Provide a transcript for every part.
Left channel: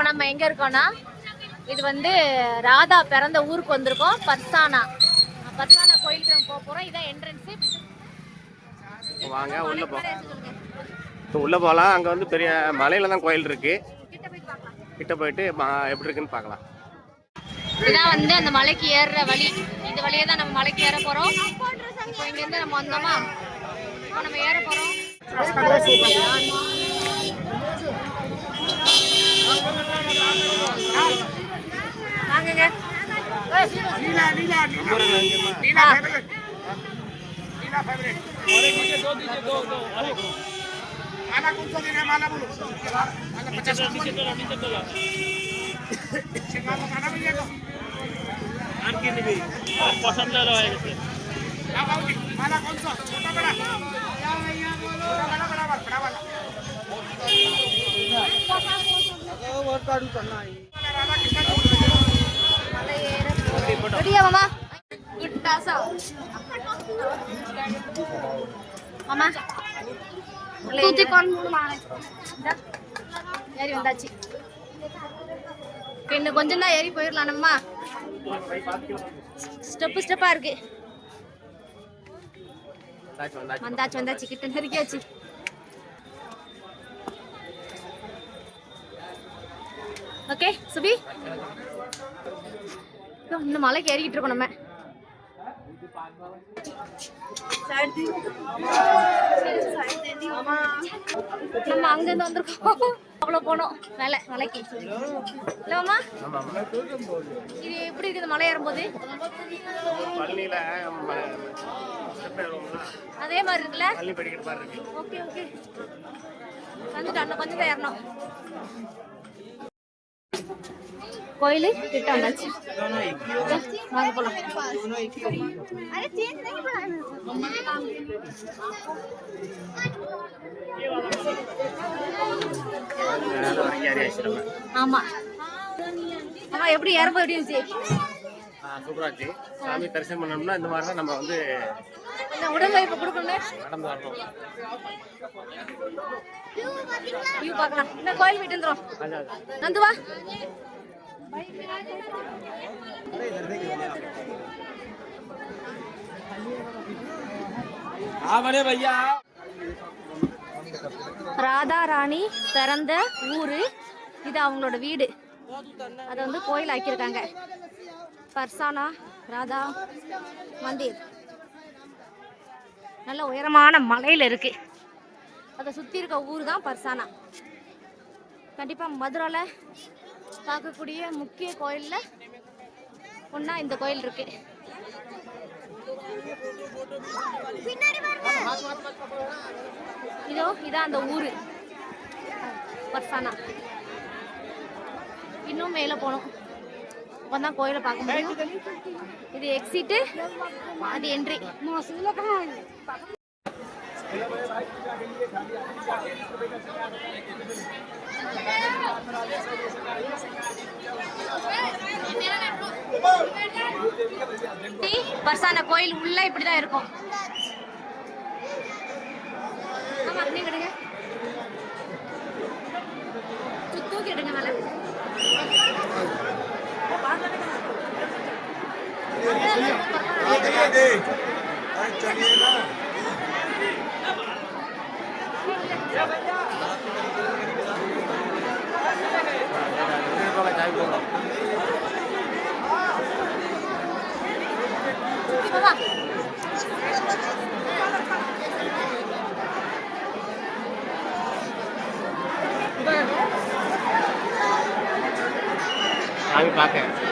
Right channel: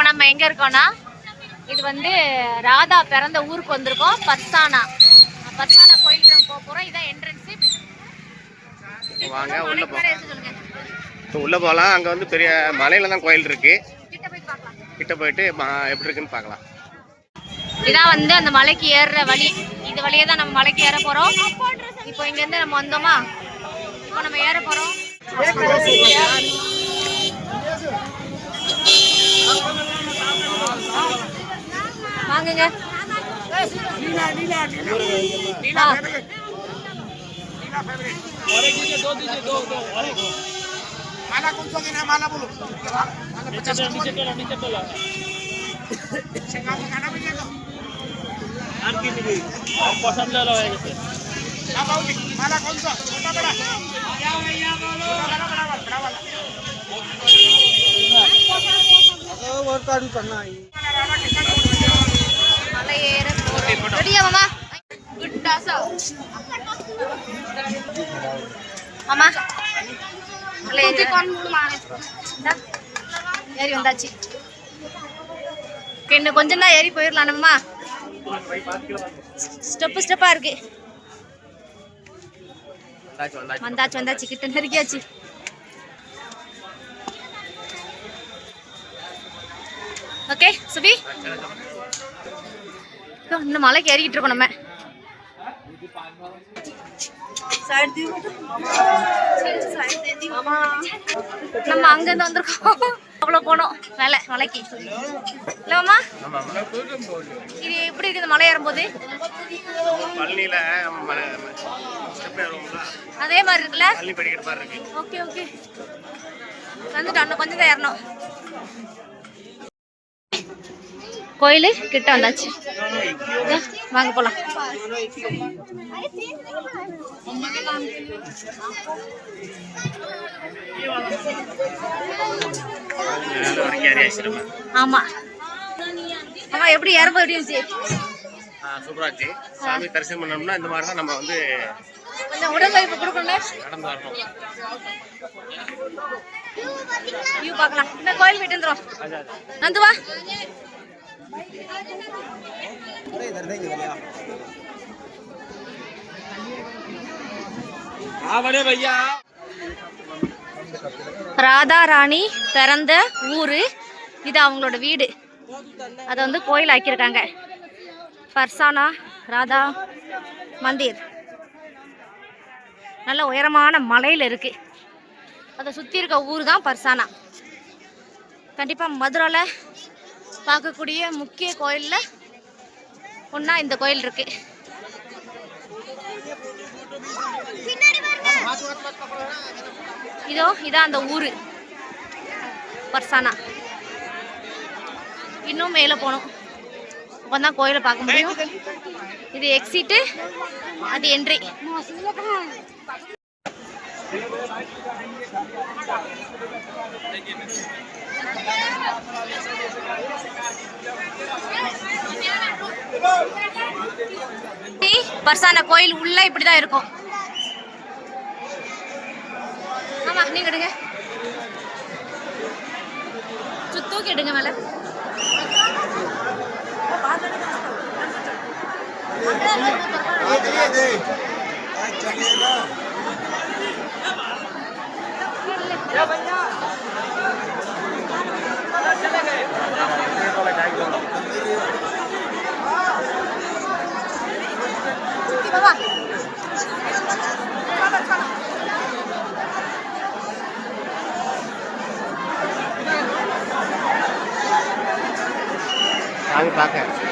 இப்போ நம்ம எங்கே இருக்கோம்னா, இது வந்து ராதா பிறந்த ஊருக்கு வந்திருக்கோம். பர்சானா கோயிலுக்கு நம்ம போக போகிறோம். இதான் என்ட்ரன்ஸு. வாங்க உள்ள உள்ள போகலாம். அங்கே வந்து பெரிய மலையில தான் கோயில் இருக்கு. கிட்ட போயிட்டு எப்படி இருக்குன்னு பார்க்கலாம். இதான் வந்து அந்த மலைக்கு ஏறுற வழி. இது வழியே தான் நம்ம மலைக்கு ஏற போகிறோம். இப்போ இங்கேருந்து நம்ம வந்தோமா, இப்போ நம்ம ஏற போகிறோம். வாங்குங்க. माला कौन सा देना माला बोलो लगाना भैया को पसंद माला कौन सा छोटा बड़ा बड़ा वाला மலை ஏற போறோம். ரெடியா மாமா? மாமா ஏறி வந்தாச்சு. இன்னும் கொஞ்சம் தான் ஏறி போயிடலாம். நம்மமா ஸ்டெப்பா இருக்கு. வந்தாச்சு கிட்ட நெருங்கியாச்சு. ஓகே சுபி, இன்னும் மலைக்கு ஏறிக்கிட்டு இருக்கோம். நம்ம அங்கிருந்து வந்திருக்கோம். அவ்வளவு போனோம் மலைக்கு இல்லம்மா. இது எப்படி இருக்கு இந்த மலை ஏறும்போது? அதே மாதிரி இருக்குல்ல? ஓகே வந்துட்டோம். இன்னும் கொஞ்சம் தான் ஏறணும். கோயிலு கிட்ட வந்தாச்சு. வாங்க போலாம். ஆமா ஆமா. எப்படி ஏறப்போ எப்படி இருந்துச்சு? சூப்பரா இருந்துச்சு. சாமி தரிசனம் பண்ணணும்னா இந்த மாதிரி தான் நம்ம வந்து கொஞ்சம் உடம்பு கொடுக்கணும், நடந்து வரணும். வியூ பார்க்கலாம். இந்த கோயில் போயிட்டு வந்துடும். நந்து வா. ராதா ராணி பிறந்த ஊரு இது, அவங்களோட வீடு. அதை வந்து கோயில் ஆக்கியிருக்காங்க. பர்சானா ராதா மந்திர் நல்ல உயரமான மலையில் இருக்கு. அதை சுற்றி இருக்க ஊர் தான் பர்சானா. கண்டிப்பாக மதுரையில் பார்க்கக்கூடிய முக்கிய கோயிலில் ஒன்றா இந்த கோயில் இருக்கு. இதான் அந்த ஊர் பர்சானா. இன்னும் மேலே போகணும். அப்பதான் கோயிலை பார்க்க முடியும். இது எக்ஸிட்டு, அது என்ட்ரி. பர்சானா கோயில் உள்ள இப்படிதான் இருக்கும். ஆமா, நீங்க எடுங்க, தூக்கி எடுங்க மேல. சாமி பார்க்க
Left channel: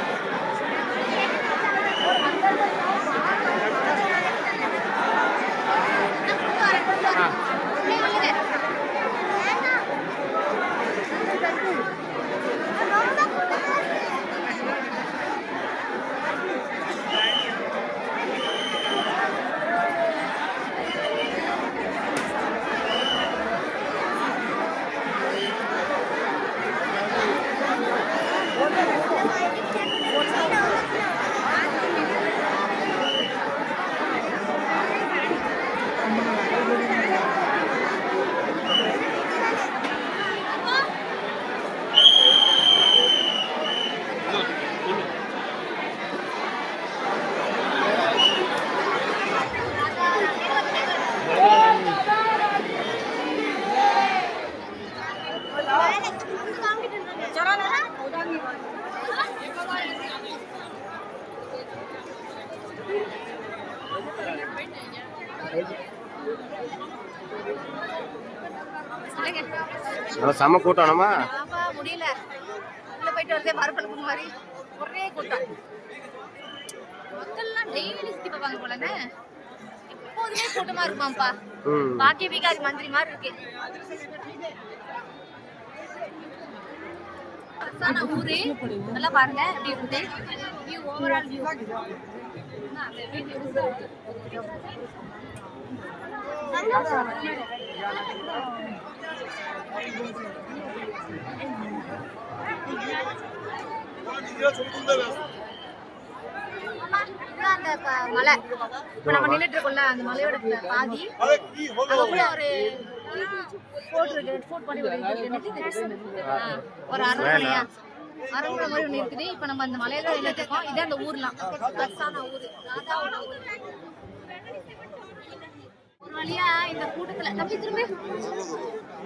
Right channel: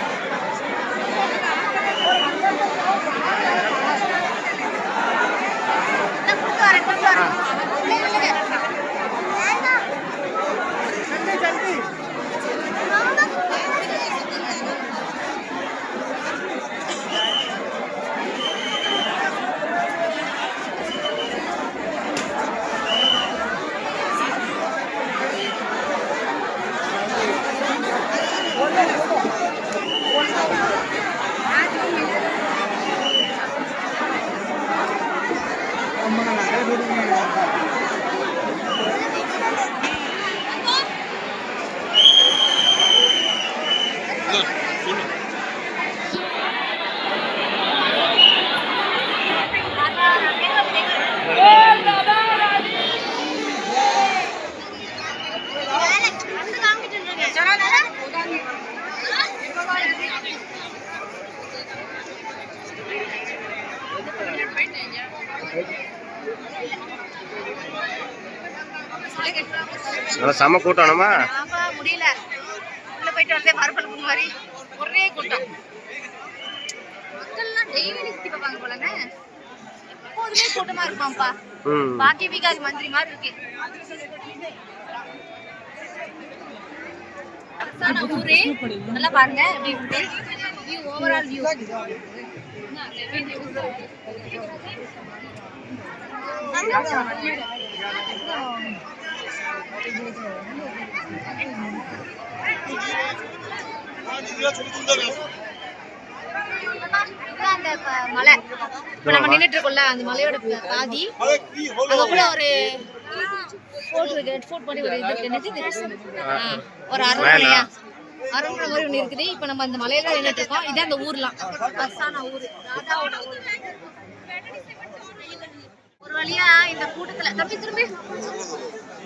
நல்லா செம கூட்டம் நம்ம. ஆமா முடியல. உள்ள போயிட்டு வரதே மறுபடியும் மாதிரி ஒரே கூட்டம். மக்கள்லாம் டெய்லி சுத்தி பார்ப்பாங்க போலன்னு. எப்போதுமே கூட்டமா இருக்குமாப்பா. பாக்கி பிகாரி மந்திரி மாதிரி இருக்கு. பர்சானா ஊரே நல்லா பாருங்க எப்படி இருக்கு. View overall view. அந்த மலை நம்ம நின்னுட்டு இருக்கோம்ல அந்த மலையோட பாதி அதுக்குள்ள ஒரு ஃபோட் பண்ணி ஒரு ஒரு அரண்மனையா அரண்மனை மாதிரி ஒண்ணு இருக்குது. இப்ப நம்ம அந்த மலையில நின்னுட்டு இருக்கோம். இதே அந்த ஊர்லாம் பர்சானா ஊரு. ஒரு வழியா இந்த கூட்டத்துல தம்பி திரும்பி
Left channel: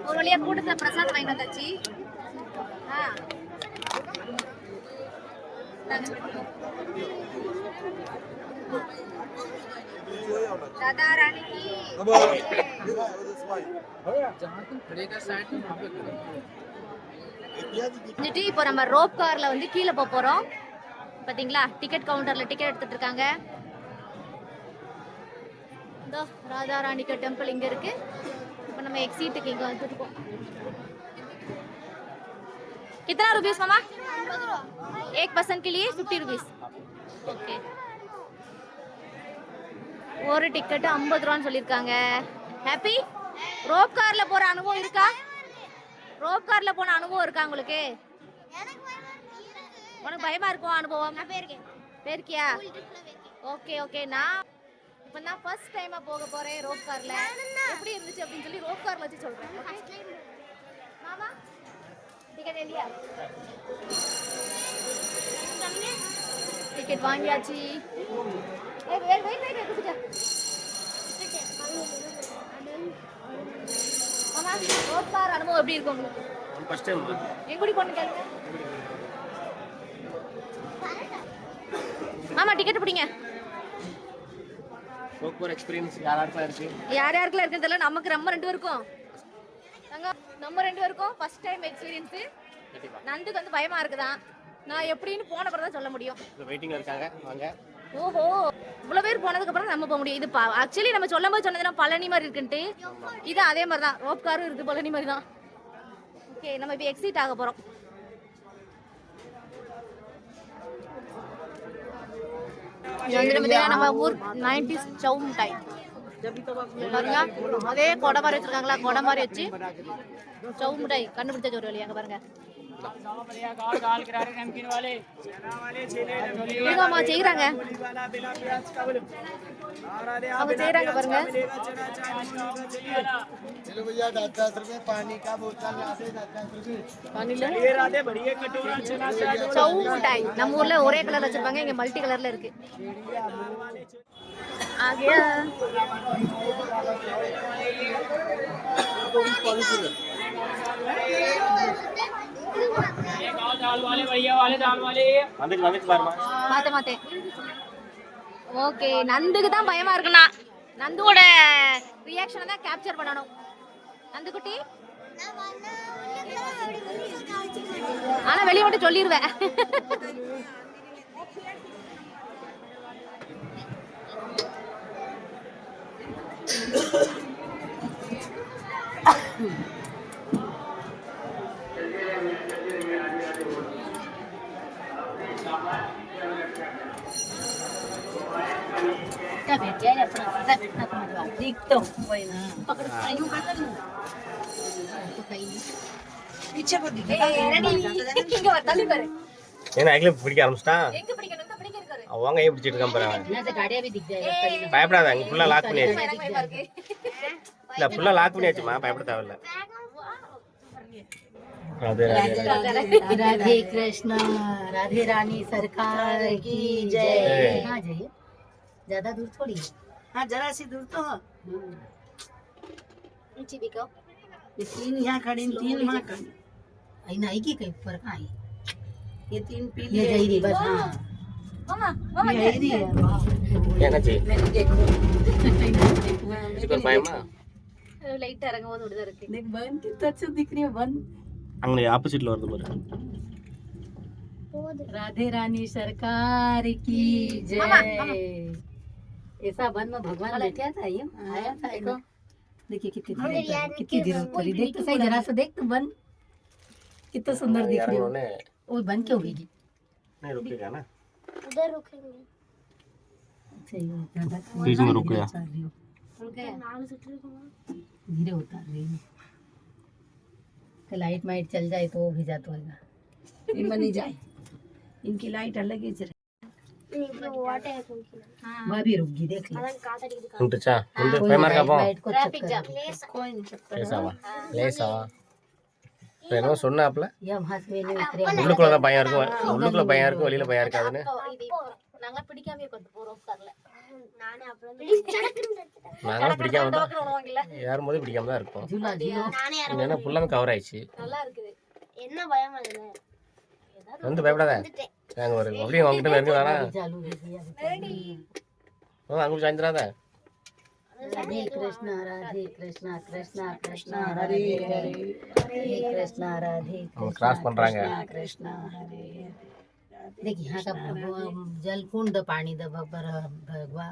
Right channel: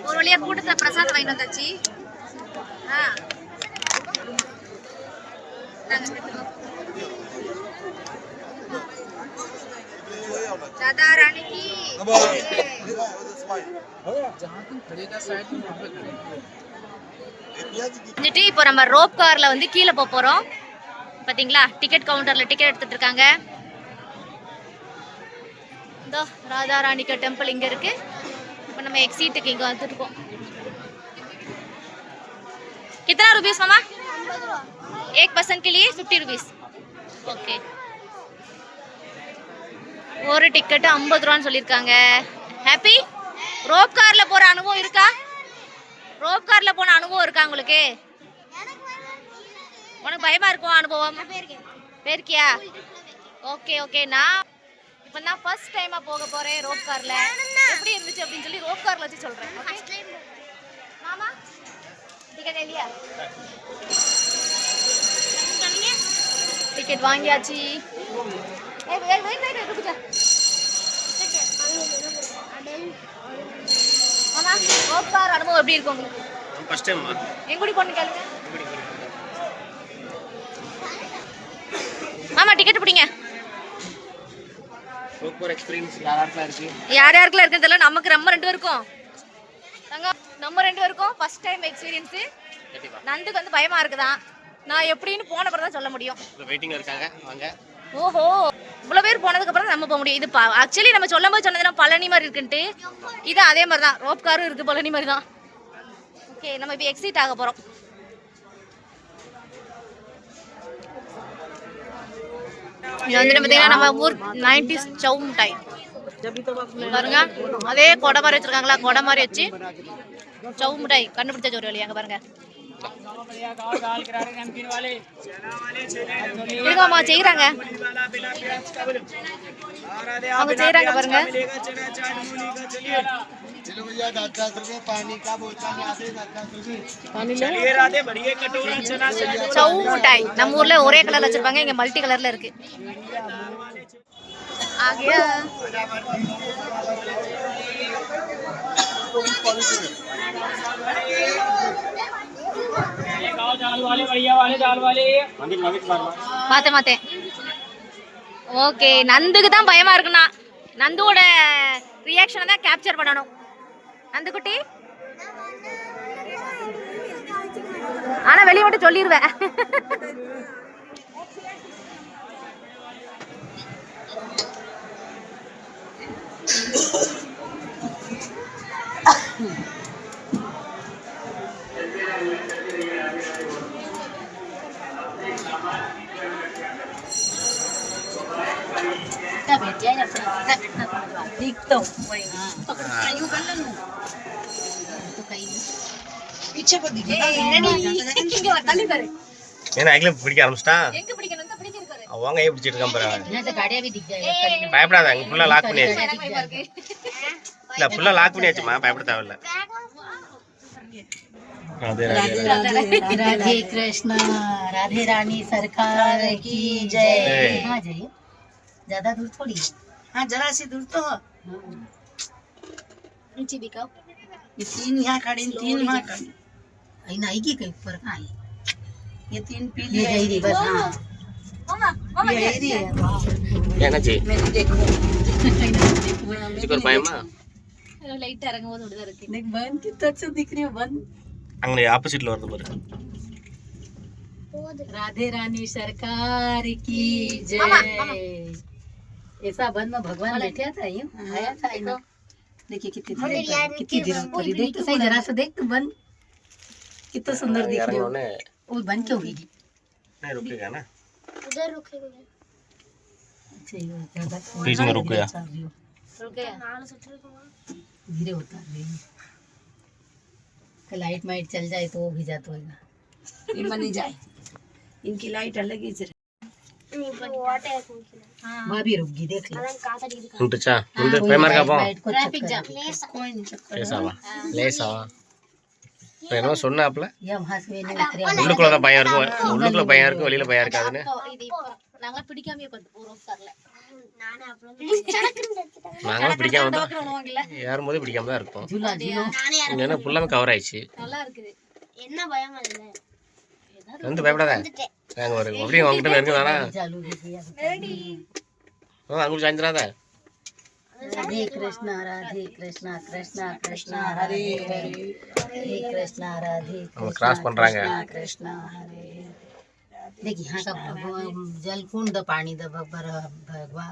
ஒரு வழியா கூட்டத்துல பிரசாதம் வாங்கிட்டு வந்தாச்சு. राधा रानी की இப்போ நம்ம ரோப் கார்ல வந்து கீழே போக போறோம். பாத்தீங்களா டிக்கெட் கவுண்டர்ல டிக்கெட் எடுத்துட்டு இருக்காங்க. இந்த ராதா ராணிக்கா டெம்பிள் இங்க இருக்கு. இப்போ நம்ம எக்ஸிட்டுக்கு இங்க வந்துட்டு இருக்கோம். कितना रुपीस मामा? 1 पर्सन के लिए 50 रुपीस. ओके. ஒரு டிக்கெட் 50 ரூபான்னு சொல்லிருக்காங்க. ஹாப்பி? ரோப் கார்ல போற அனுபவம் இருக்கா? ரோப் கார்ல போன அனுபவம் இருக்கா உங்களுக்கு? உனக்கு பயமா இருக்கும் அனுபவம்? போயிருக்கியா? Okay okay. நான் இப்போ தான் ஃபர்ஸ்ட் டைமா போக போறேன் ரோப் கார்ல. எப்படி இருந்துச்சு அப்படின்னு சொல்லி ரோப் கார்ல வச்சு சொல்றேன். ஓகே மாமா டிக்கெட் இல்லையா? டிக்கெட் வாங்கியாச்சு. மாமா ரோப் கார் அனுபவம் எப்படி இருக்கு உங்களுக்கு? ஃபர்ஸ்ட் டைம் எங்கூடி போன்னு கேளுங்க. மாமா டிக்கெட் பிடிங்க. ரோப் கார் எக்ஸ்பீரியன்ஸ் யாராருக்கா இருக்கு? யார் யாருக்குலாம் இருக்குன்னு தெரியல. நமக்கு நம்ம 2 பேருக்கும் நம்ம 2 பேருக்கும் ஃபர்ஸ்ட் டைம் எக்ஸ்பீரியன்ஸ். நந்துக்கு வந்து பயமா இருக்குதான். நான் எப்படின்னு போன அப்புறம் தான் சொல்ல முடியும். வெயிட்டிங்ல இருக்காங்க வாங்க. ஓஹோ இவ்வளவு பேர் போனதுக்கு அப்புறம் நம்ம போக முடியும். இது ஆக்சுவலி நம்ம சொல்லும்போது சொன்னதுன்னா பழனி மாதிரி இருக்குன்ட்டு இது அதே மாதிரி தான். ரோப் காரும் இருக்கு பழனி மாதிரி தான். ஓகே நம்ம இப்போ எக்ஸிட் ஆக போறோம். இது வந்து பார்த்தீங்கன்னா நம்ம ஊர் 90s சவு மிட்டாய் பாருங்க. அதே கொடை மாதிரி வச்சிருக்காங்களா? கொடை மாதிரி வச்சு சவு மிட்டாய் கண்டுபிடிச்ச ஒரு வழி. அங்க பாருங்க இருங்கம்மா செய்யறாங்க. அவங்க செய்யறாங்க பாருங்க. சவு மிட்டாய் நம்ம ஊர்ல ஒரே கலர்ல வச்சிருப்பாங்க. இங்க மல்டி கலர்ல இருக்கு. आगे மாத்தேன். ஓகே நந்துக்கு தான் பயமா இருக்குண்ணா. நந்துவோட ரியாக்ஷனை தான் கேப்சர் பண்ணணும். நந்து குட்டி ஆனா வெளியே மட்டும் சொல்லிடுவேன். பிடிக்க ஆரம்பிச்சிட்டான். அவங்க பிடிச்சிட்டு இருக்கான் பாரு. பயப்படாத அங்க ஃபுல்லா லாக் பண்ணியாச்சு. இல்ல ஃபுல்லா லாக் பண்ணியாச்சுமா பயப்பட தேவையில்ல. राधे राधे राधे कृष्ण राधे रानी सरकार की जय. हाँ जाइए ज्यादा दूर थोड़ी है. हाँ जरा सी दूर तो है. नीचे भी कहो. ये 3 यहाँ खड़े 3 वहाँ खड़े. आई नहीं की कहीं ऊपर कहाँ है? ये 3 पीली है ये बस. हाँ मामा ये है. क्या ना जी मैंने देखो इसको पाएमा லைட்டா இறங்கும் போது விடுதா இருக்கு. देख बन कितना अच्छा दिख रही है बन அங்கே ஆப்போசிட்ல வருது பாரு. राधे रानी सरकार की जय ऐसा वन में भगवान बैठा था यूं आया था एकदम देखिए कितनी देर ऊपर देख तो सही जरा सा देख तो बन कितना सुंदर दिख रही है இறங்கணுன்னே वो बन क्यों भीगी नहीं रुकेगा ना उधर रुकेंगे. अच्छा ये ज्यादा बीच में रुक गया. रुक गया. धीरे उतार रही है लाइट माइट चल जाए तो वो भी जाता होगा इनमें नहीं जाए इनकी लाइट अलग ही चल वहाँ भी रुक गई देख लो ఉంటుచా ముందు పైమార్ కాపం लाइट को ट्रैफिक जाम. லேசாவா லேசாவா இப்போ என்னமோ சொன்னாப்ல या वहाँ से नहीं उतरे உள்ளுக்குள்ள தான் பயம் இருக்கும் உள்ளுக்குள்ள பயம் இருக்கும் வெளியில பயம் இருக்காதுன்னு இது இப்போ நாங்க பிடிக்காமயே கொண்டு போறோம் கார்ல. நானே அப்புறம் நாங்களும் பிடிக்காம தான் விடுவாங்கல்ல. ஏறும்போது பிடிக்காம தான் இருப்போம். झूला झूलो ஏன்னா ஃபுல்லாமே கவர் ஆயிடுச்சு. நல்லா இருக்குது. என்ன பயம் அதுல? வந்து பயப்படாத நாங்க ஒரு அப்படியே உங்ககிட்ட நெருங்க வேணா चालू भी किया அங்கே சாய்ந்துடாத. राधे कृष्णा कृष्णा कृष्णा हरे हरे हरे कृष्णा राधे அவங்க கிராஸ் பண்றாங்க. कृष्णा हरे देखिए यहाँ का जल कुंड पानी द भगवा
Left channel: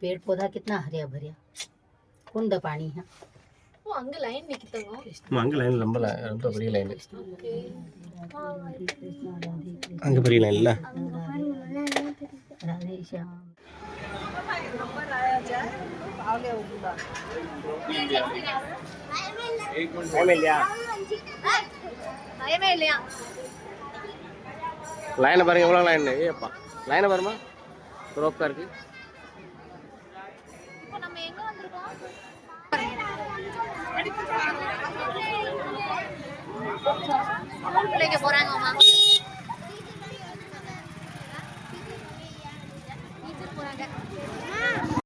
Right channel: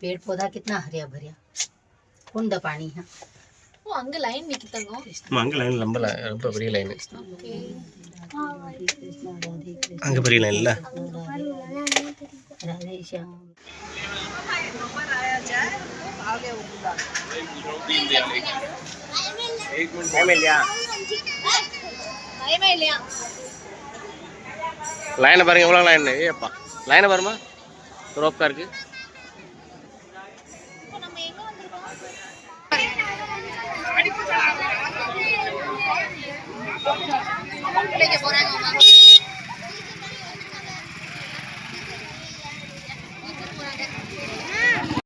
पेड़ पौधा कितना हरिया भरिया कुंड पानी है ஓ அங்க லைன் நிக்குதுங்க. அங்கே லைன் ரொம்ப பெரிய லைன் कृष्णा राधे कृष्णा அங்கே பெரிய லைன் இல்லை. राधे श्याम பயமே இல்லையா? லைனை பாருங்க எவ்வளோ லைன். ஏப்பா லைனை பாருமா ரோப்கா இருக்கு. இப்போ நம்ம எங்க வந்திருக்கோம்? பிள்ளைங்க போறாங்க.